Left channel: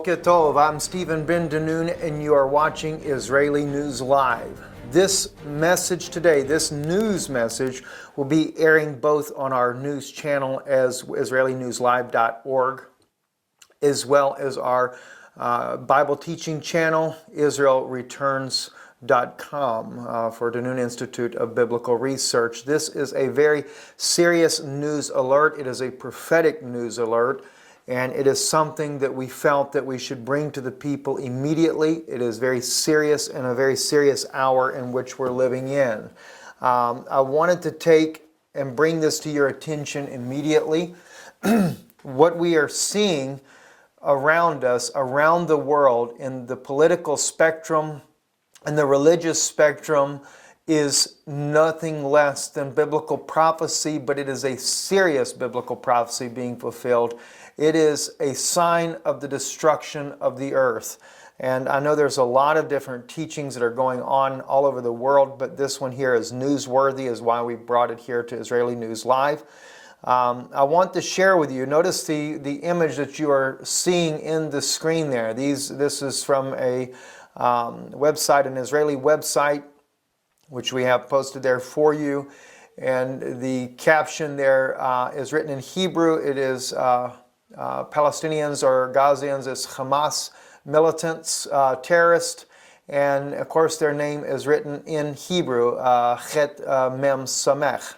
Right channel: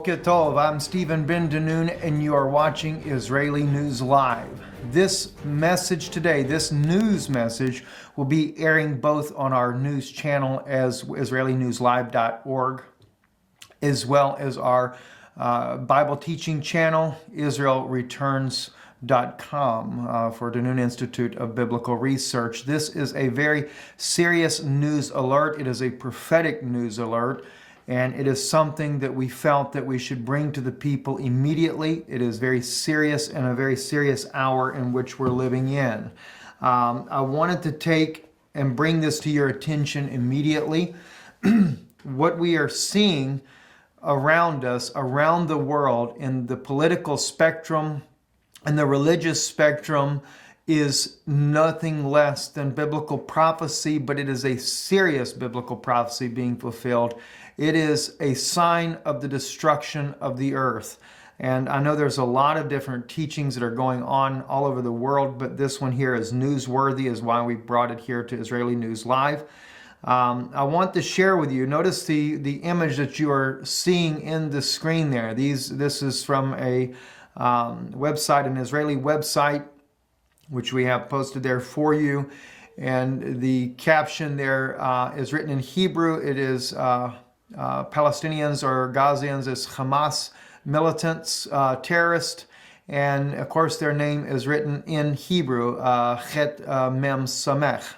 Boker Tov, I'm Stephen Ben Danoon, and you are watching Israeli News Live. This message today, this news message, will be airing both on our news channel as IsraeliNewsLive.org, as well as our Bible teaching channel, IsraelReturns.com, for Danoon Institute of Biblical Research. This is a very serious news alert. It is a prophetic news alert. And it is something that we felt that we should bring to the people immediately. It is very serious and a very serious hour in which we're living in. I wanted to take and bring this to your attention immediately. What we are seeing around us, around the world, in the political spectrum and the religious spectrum, is nothing less than biblical prophecy, but it is a serious biblical prophecy being fulfilled. It is a sign of the destruction of the earth. And I know there's a lot of different teachings that are going on all over the world, but this one here is newsworthy, is why we brought it here to Israeli News Live. I want to share with you, notice the image that you are seeing in the screen there. This is from a website, an Israeli website, which we have posted there for you. And the caption there is written in Hebrew. It is Palestinians or Gazians as Hamas militants, terrorists. And of course their name is written in Hebrew, Chet Mem Samech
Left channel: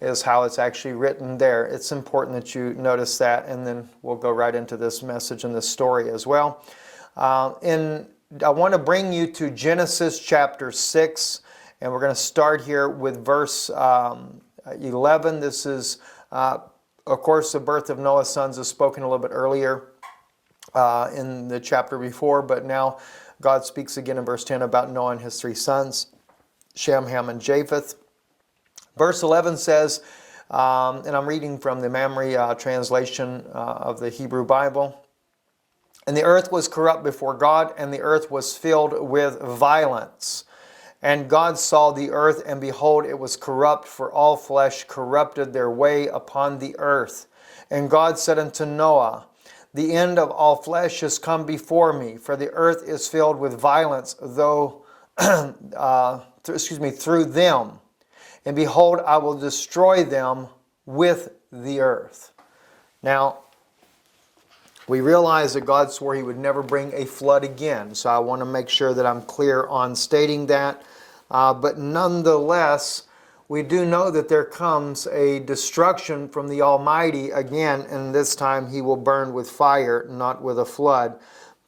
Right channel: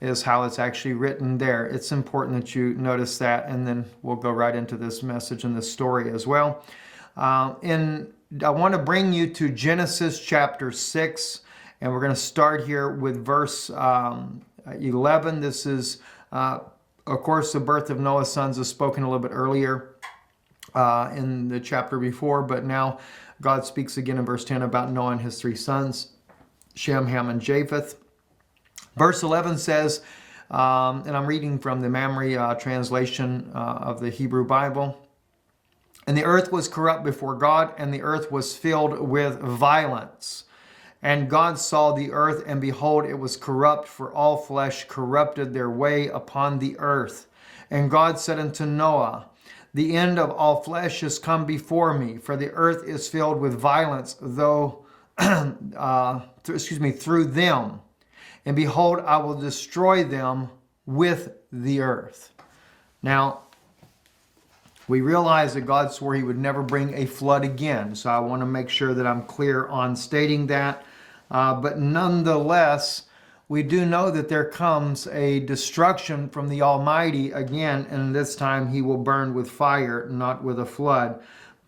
is how it's actually written there. It's important that you notice that, and then we'll go right into this message and this story as well. I want to bring you to Genesis chapter 6. And we're going to start here with verse 11. This is, of course, the birth of Noah's sons is spoken a little bit earlier in the chapter before, but now God speaks again in verse 10 about Noah and his three sons, Shem, Ham, and Japheth. Verse 11 says, and I'm reading from the Mamre translation of the Hebrew Bible, "And the earth was corrupt before God, and the earth was filled with violence. And God saw the earth, and behold, it was corrupt, for all flesh corrupted their way upon the earth. And God said unto Noah, The end of all flesh is come before me, for the earth is filled with violence, through them. And behold, I will destroy them with the earth." Now, we realize that God swore He would never bring a flood again. So I want to make sure that I'm clear on stating that. But nonetheless, we do know that there comes a destruction from the Almighty again, and this time He will burn with fire, not with a flood.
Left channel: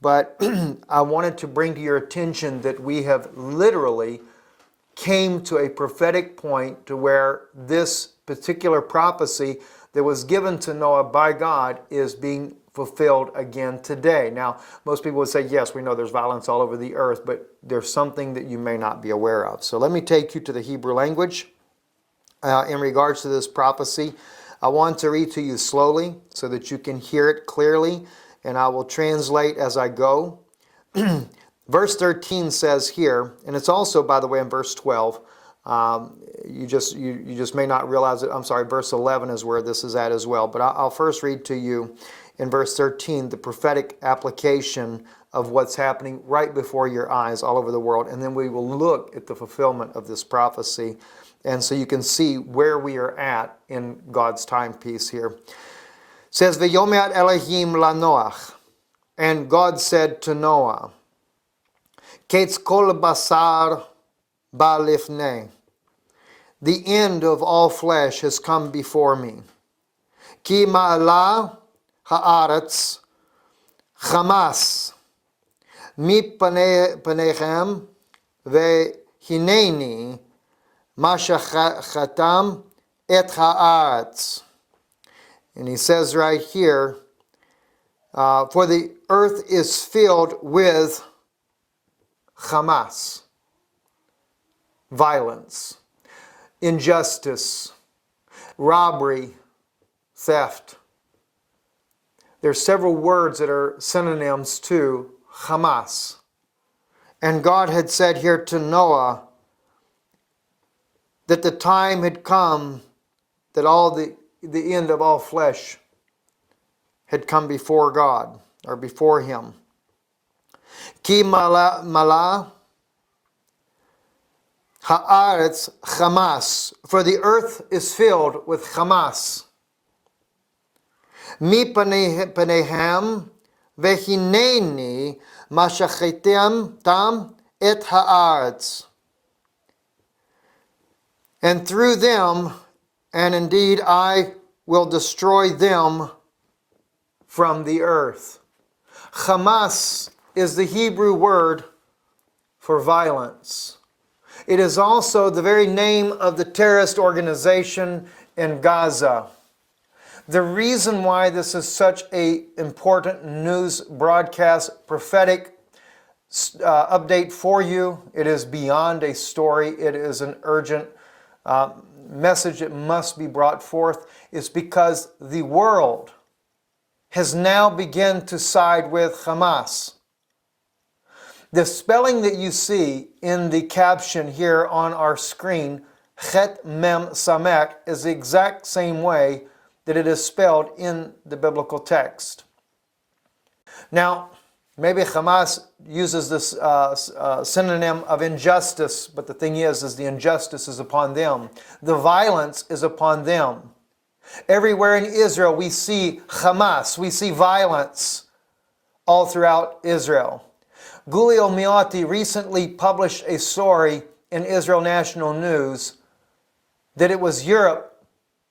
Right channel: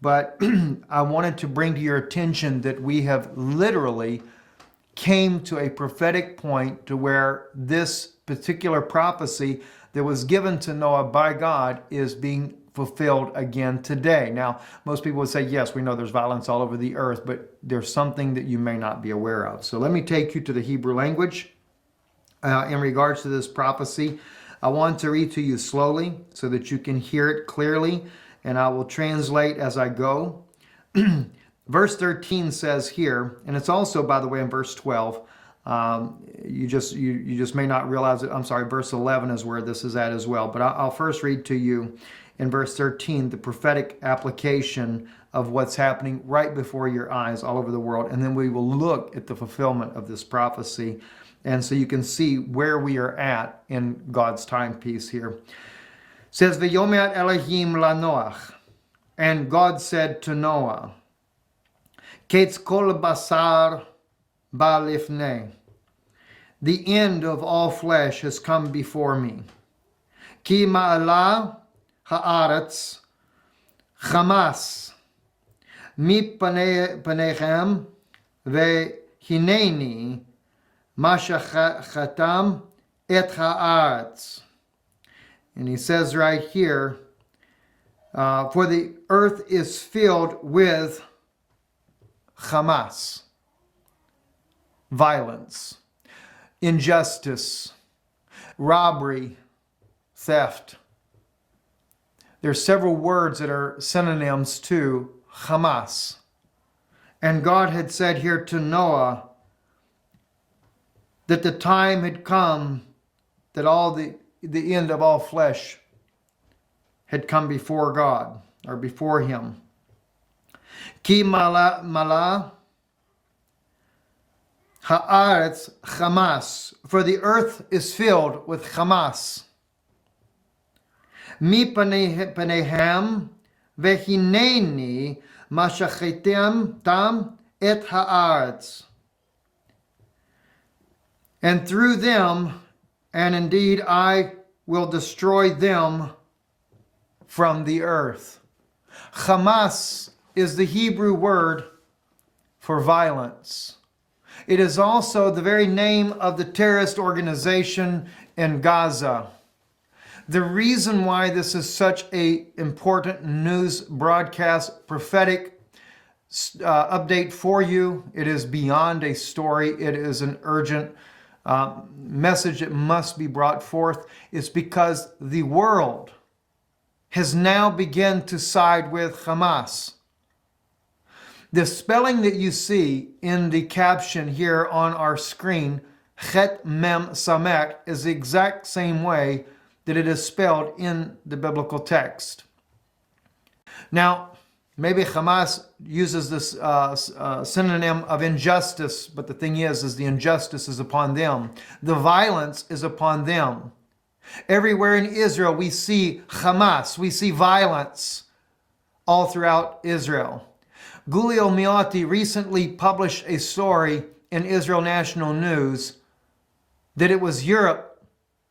But I wanted to bring to your attention that we have literally came to a prophetic point to where this particular prophecy that was given to Noah by God is being fulfilled again today. Now, most people would say, yes, we know there's violence all over the earth, but there's something that you may not be aware of. So let me take you to the Hebrew language in regards to this prophecy. I want to read to you slowly so that you can hear it clearly, and I will translate as I go. Verse 13 says here, and it's also, by the way, in verse 12. You just may not realize it. I'm sorry, verse 11 is where this is at as well. But I'll first read to you in verse 13 the prophetic application of what's happening right before your eyes all over the world. And then we will look at the fulfillment of this prophecy. And so you can see where we are at in God's timepiece here. It says, V'yomer Elohim lanoach. And God said to Noah, Ketz kol basar ba lifnei. The end of all flesh has come before me. Ki ma'ala ha'aretz chamas mi panechem vehineni mashachatam et ha'aretz. And he says right here, for the earth is filled with Hamas, violence, injustice, robbery, theft. There's several words that are synonyms to Hamas. And God had said here to Noah that the time had come that the end of all flesh had come before God, or before Him. Ki mala ha'aretz chamas, for the earth is filled with chamas. Mi panehem vehineni mashachetem tam et haaretz. And through them, and indeed I will destroy them from the earth. Hamas is the Hebrew word for violence. It is also the very name of the terrorist organization in Gaza. The reason why this is such an important news broadcast, prophetic update for you, it is beyond a story, it is an urgent message that must be brought forth, is because the world has now begun to side with Hamas. The spelling that you see in the caption here on our screen, Chet Mem Samek, is the exact same way that it is spelled in the biblical text. Now, maybe Hamas uses this synonym of injustice, but the thing is the injustice is upon them. The violence is upon them. Everywhere in Israel we see Hamas, we see violence all throughout Israel. Giulio Miotti recently published a story in Israel National News that it was Europe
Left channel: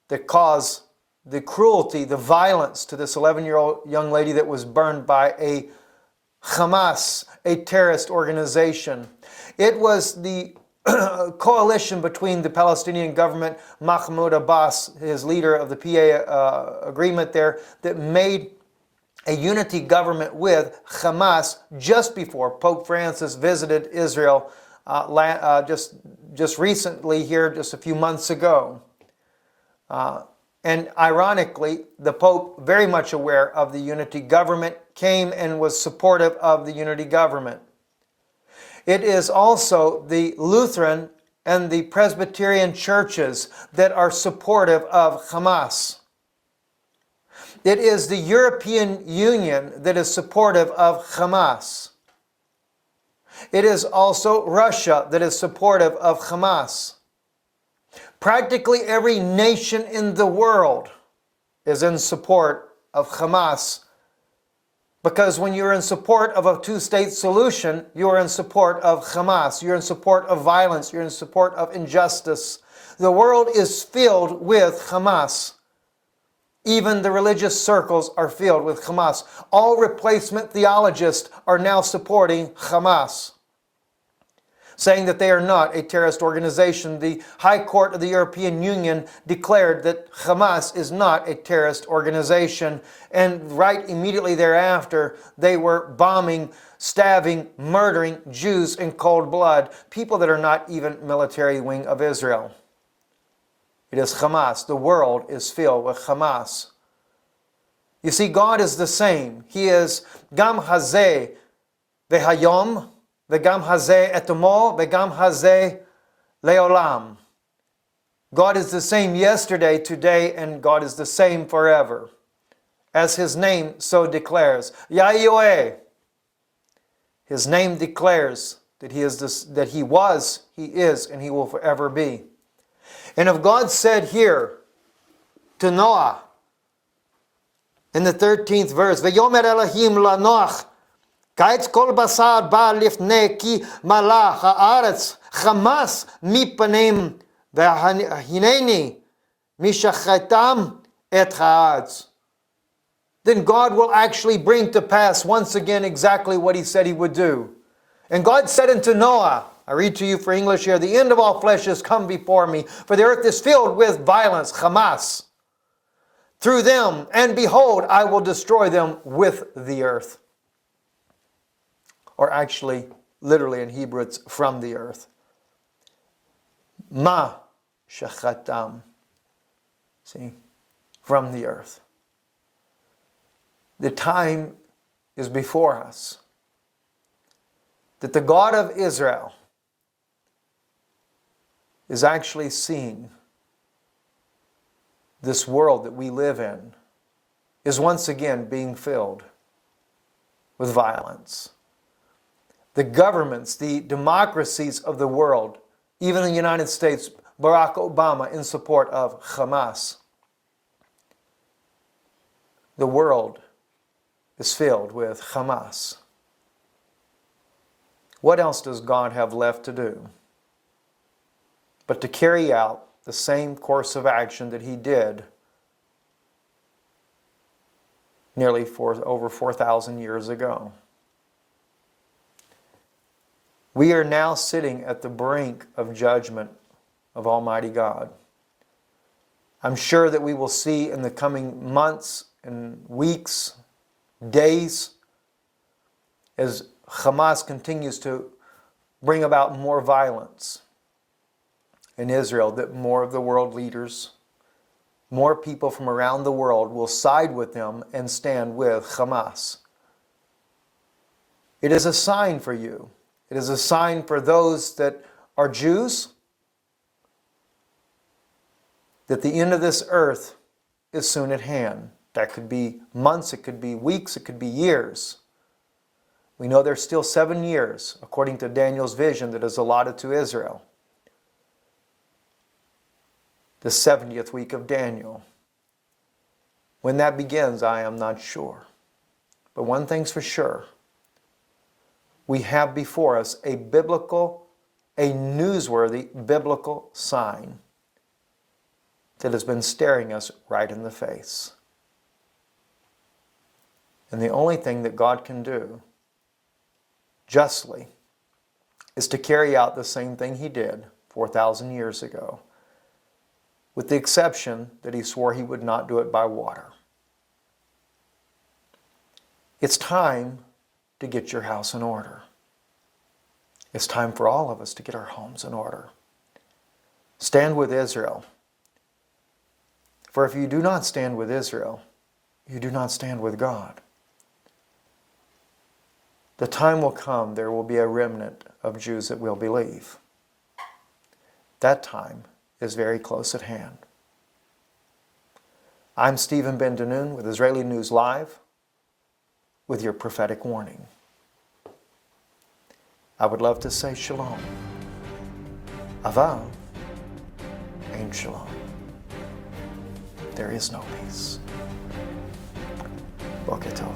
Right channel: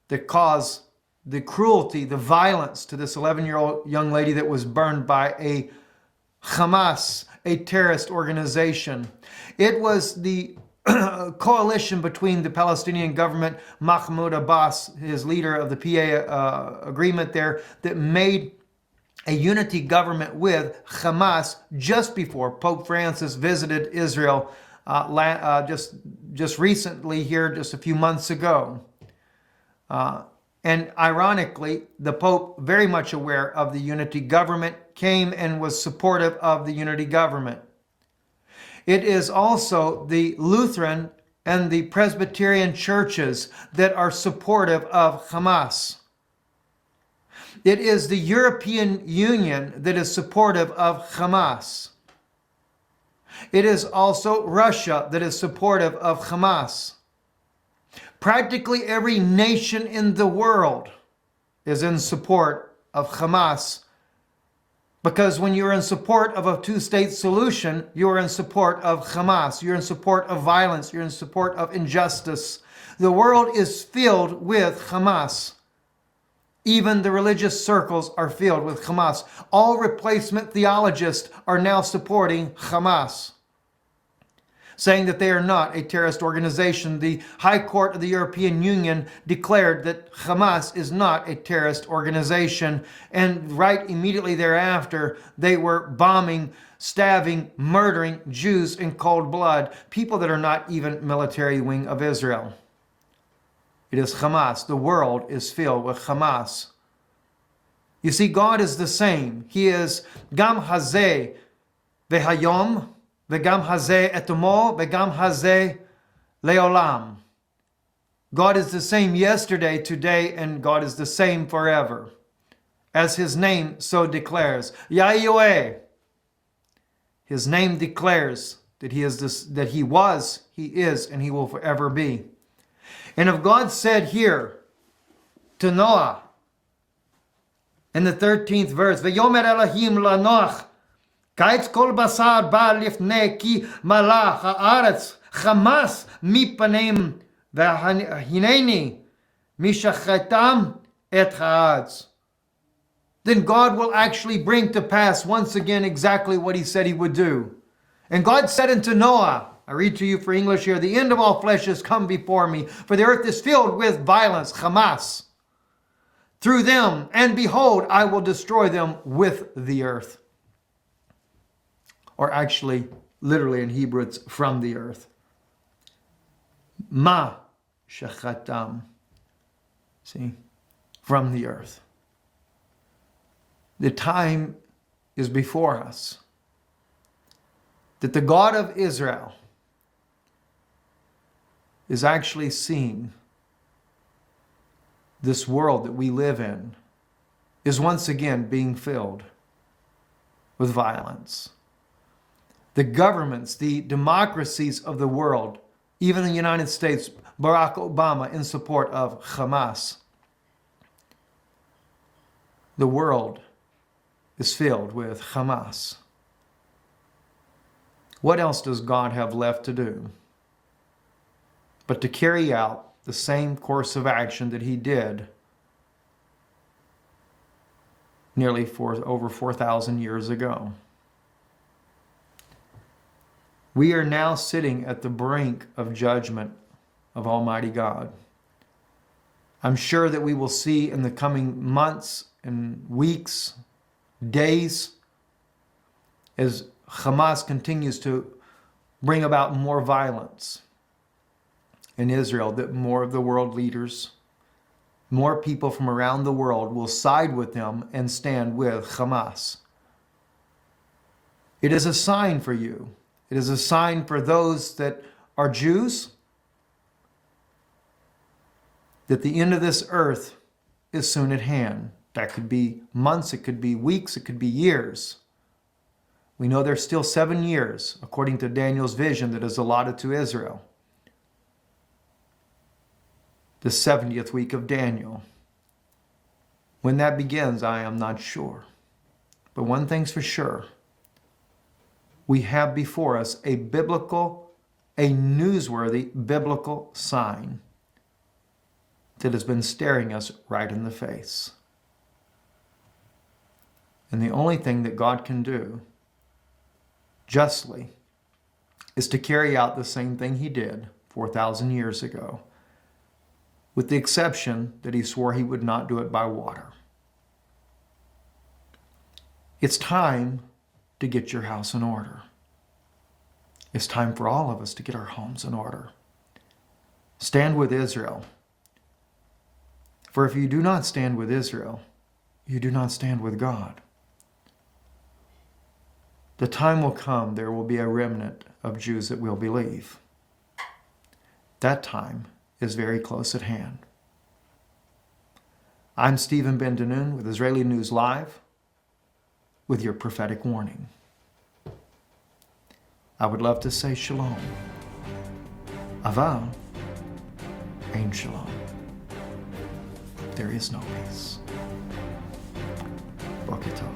that caused the cruelty, the violence to this 11-year-old young lady that was burned by a Hamas, a terrorist organization. It was the coalition between the Palestinian government, Mahmoud Abbas, his leader of the PA agreement there, that made a unity government with Hamas just before Pope Francis visited Israel just recently here, just a few months ago. And ironically, the Pope, very much aware of the unity government, came and was supportive of the unity government. It is also the Lutheran and the Presbyterian churches that are supportive of Hamas. It is the European Union that is supportive of Hamas. It is also Russia that is supportive of Hamas. Practically every nation in the world is in support of Hamas, because when you're in support of a two-state solution, you are in support of Hamas. You're in support of violence. You're in support of injustice. The world is filled with Hamas. Even the religious circles are filled with Hamas. All replacement theologists are now supporting Hamas, saying that they are not a terrorist organization. The High Court of the European Union declared that Hamas is not a terrorist organization, and right immediately thereafter, they were bombing, stabbing, murdering Jews in cold blood, people that are not even military wing of Israel. It is Hamas. The world is filled with Hamas. You see, God is the same. He is Gam Hazeh Vehayom, Vegam Hazeh Etomol, Vegam Hazeh Leolam. God is the same yesterday, today, and God is the same forever. As His name so declares. Yahweh. His name declares that He is this, that He was, He is, and He will forever be. And if God said here to Noah in the 13th verse, V'yomer Elohim lanoach, Kaitz kol basar ba lifnei ki malach haaretz Hamas mipanim v'hineni mishachetam et haaretz. Then God will actually bring to pass once again exactly what He said He would do. And God said unto Noah, I read to you for English here, the end of all flesh has come before me, for the earth is filled with violence, Hamas, through them, and behold, I will destroy them with the earth. Or actually, literally in Hebrew, it's from the earth. Ma shachatam. See, from the earth. The time is before us that the God of Israel is actually seeing this world that we live in is once again being filled with violence. the governments, the democracies of the world, even in the United States, Barack Obama in support of Hamas. The world is filled with Hamas. What else does God have left to do but to carry out the same course of action that he did nearly over 4,000 years ago? We are now sitting at the brink of judgment of Almighty God. I'm sure that we will see in the coming months and weeks, days, as Hamas continues to bring about more violence in Israel, that more of the world leaders, more people from around the world will side with them and stand with Hamas. It is a sign for you. It is a sign for those that are Jews that the end of this earth is soon at hand. That could be months, it could be weeks, it could be years. We know there's still 7 years, according to Daniel's vision, that is allotted to Israel. The 70th week of Daniel. When that begins, I am not sure. But one thing's for sure. We have before us a newsworthy biblical sign that has been staring us right in the face. And the only thing that God can do justly is to carry out the same thing he did 4,000 years ago, with the exception that he swore he would not do it by water. It's time to get your house in order. It's time for all of us to get our homes in order. Stand with Israel. For if you do not stand with Israel, you do not stand with God. The time will come, there will be a remnant of Jews that will believe. That time is very close at hand. I'm Stephen Ben-Danoon with Israeli News Live with your prophetic warning. I would love to say shalom. Aval, ain shalom. There is no peace. Boker tov.